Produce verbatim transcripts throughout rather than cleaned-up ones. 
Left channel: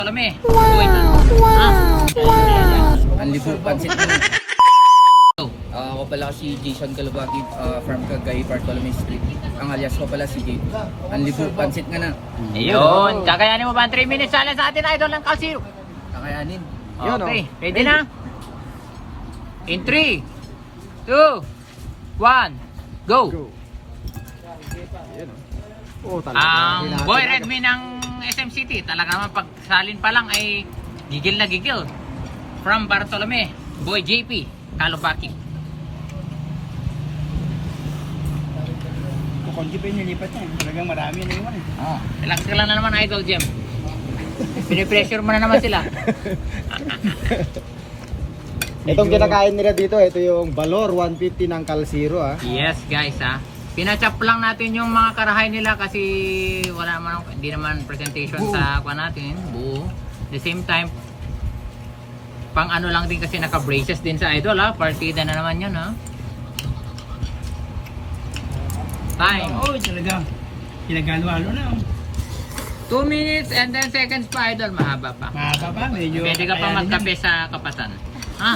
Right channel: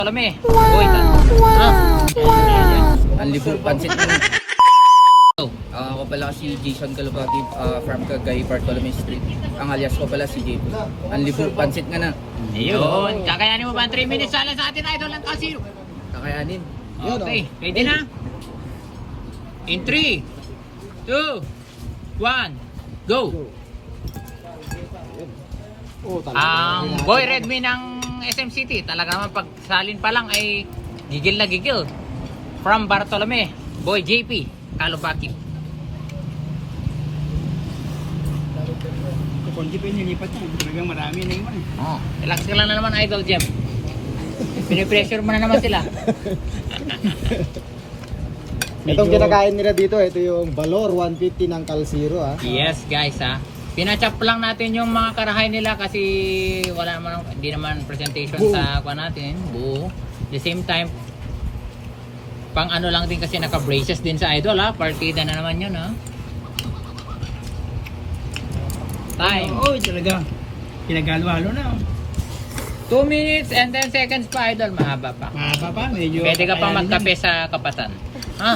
Bartolome. Wow! Wow! Ang libo pansit mo. Uh, ako pala si Jason Calubagi uh, from Cagay, Bartolome Street. Ang alias ko pala si J two. Ang libo pansit nga na. Ayun. Kakayanin mo ba ang three minutes sana sa atin idol ng Calziro? Kakayanin. Okay. Ready na? In three, two, one, go! Oh, Ang boy Redmi ng S M City, talaga naman pag salin pa lang ay gigil na gigil. From Bartolome, boy J P, Calubaki. Kukunti pa yung nilipat niya. Talagang marami na naman. Oh, relax ka lang na naman idol Jem. Pinipressure mo na naman sila. Itong kinakain nila dito, ito yung Valor one fifty ng Calziro. Ah. Yes guys ha. Pinachop lang natin yung mga karahay nila kasi wala naman, hindi naman presentation Buo. sa kwa natin. Buo. The same time, pang ano lang din kasi naka-braces din sa idol ha. Partida na naman yun ha. Time. Oo, talaga. Pinagalo-halo na. two minutes and ten seconds pa idol. Mahaba pa. Mahaba pa, medyo... Pwede ka pa magkape sa kapatan. Ha?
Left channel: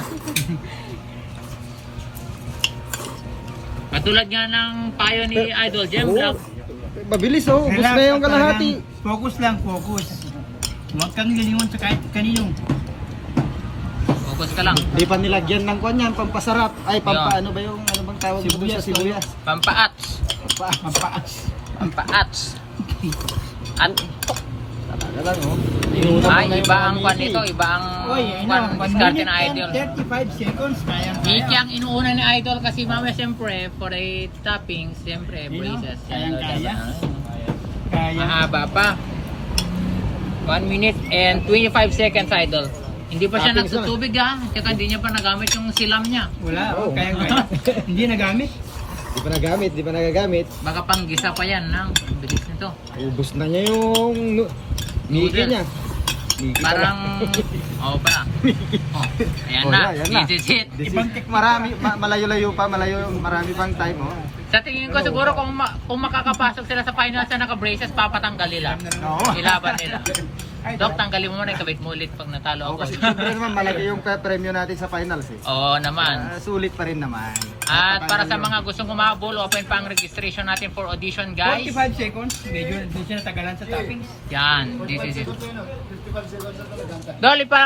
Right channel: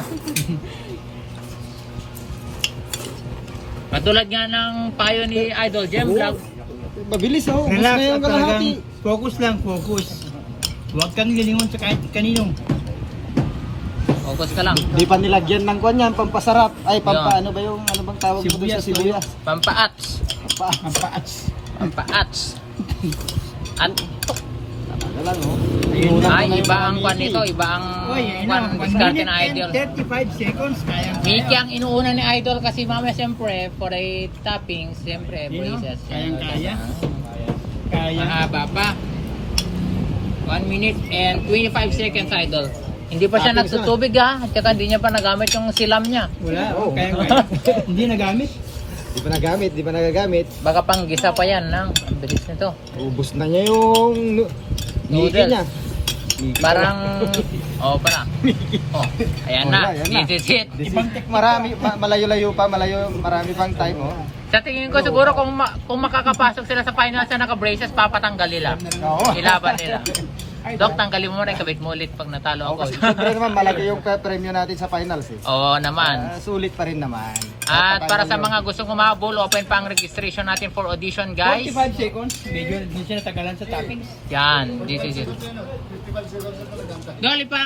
Katulad nga ng payo ni Idol Jem Vlog. Mabilis oh, ubos na yung kalahati. Focus lang, focus. Huwag kang galingon sa kahit kanino. Focus ka lang. Di pa nilagyan ng kwan yan, pampasarap. Ay, Yun. pampa ano ba yung, ano bang tawag mo doon sa sibuyas? Pampaats. Pampaas. Pampaas. Pampaats. At Ano lang oh. ay, iba ang kwan nito. Iba ang Uy, ano, kwan, one diskarte minute ng and Idol. thirty-five seconds. Kaya Miki ang inuuna ni Idol kasi mamaya siyempre for a topping, siyempre Yun, no? braces. Kayang kaya. Kaya. Mahaba pa. one minute and twenty-five seconds Idol. Hindi pa siya Toppings na. nagtutubig ha. At saka hindi niya pa nagamit yung silam niya. Wala, oh, kaya kaya. Hindi nagamit. Di pa nagamit, di pa nagagamit. Baka pang gisa pa yan lang. Ang bilis nito. Ubus na niya yung nu- Niki Noodles. niya. Niki Parang oh pa. Oh, ayan Oh, na. yan, yan na. This is it. Marami, ma- malayo-layo pa, malayo, marami pang time oh. Sa tingin ko siguro kung ma kung makakapasok sila sa finals na naka-braces, papatanggal nila. Oo. Ilaban nila. Dok, tanggalin mo na, ikabit mo ulit pag natalo Oh, ako. kasi siyempre naman malaki yung pre- premyo natin sa finals eh. Oo naman. Ah, sulit pa rin naman. At para sa Tatanggal mga gustong umabol, open pa ang registration natin for audition guys. forty-five seconds, medyo doon siya natagalan sa toppings. Yan, this is it. Doli pa!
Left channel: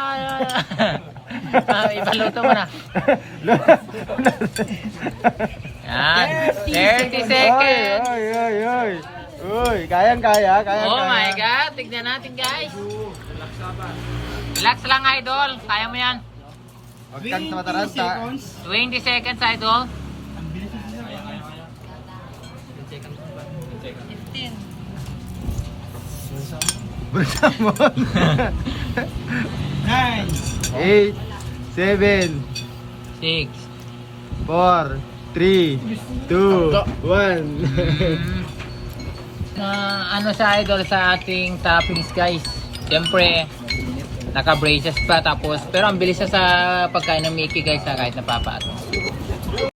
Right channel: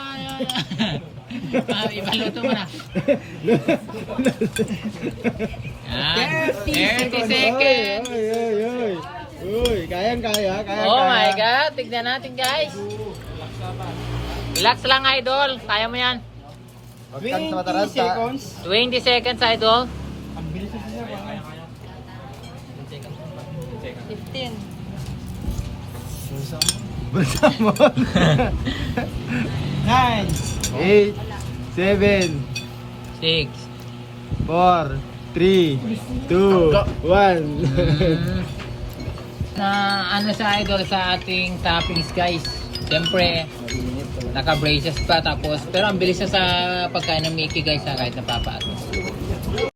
Ah, ipaluto mo na. Yan, thirty seconds. Oy, oy, oy. Uy, kayang kaya, kayang Oh kaya. my God, tignan natin guys. Relax lang idol, kaya mo yan. Huwag kang mataranta. twenty seconds idol. Bersama. nine, eight, seven, six. four, three, two, one. Mm, na ano sa idol sa ating toppings guys. Siyempre, naka-braces pa tapos pero ang bilis siya sa pagkain ng Mickey guys ha, kahit napapaat.